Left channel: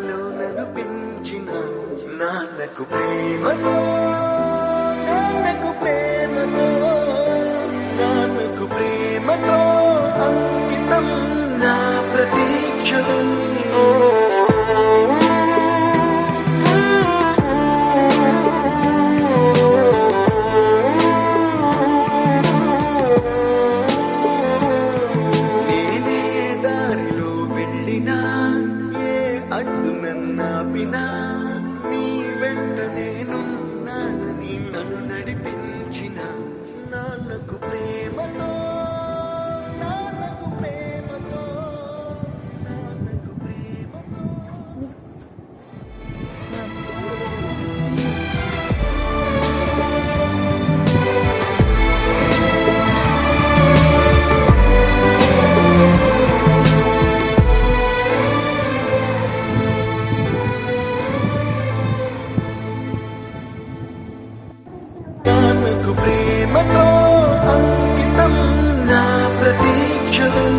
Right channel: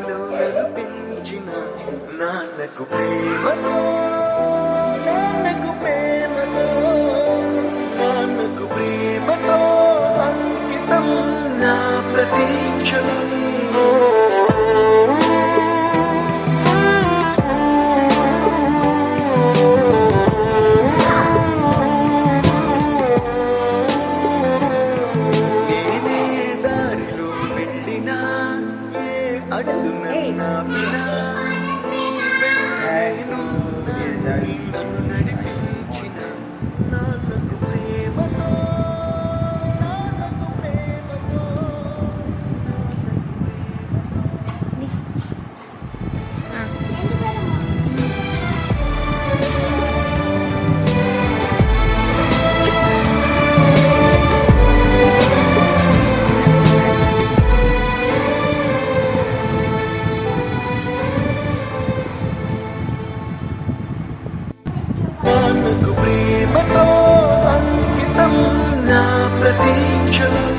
పాలలో నన్ను పెంచిన నాన్నకు ప్రేమతో, నాన్నకు ప్రేమతో, నాన్నకు ప్రేమతో అంకితం నా ప్రతీక్షణం. నేనే దారిలో వెళ్ళినా, ఏ అడ్డు నన్నాపినా, నీ వెంట నేనున్నానని నన్ను నడిపించిన నాన్నకు ప్రేమతో, నాన్నకు ప్రేమతో, నాన్నకు ప్రేమతో. నాన్నకు ప్రేమతో అంకితం నా ప్రతీక్షణం.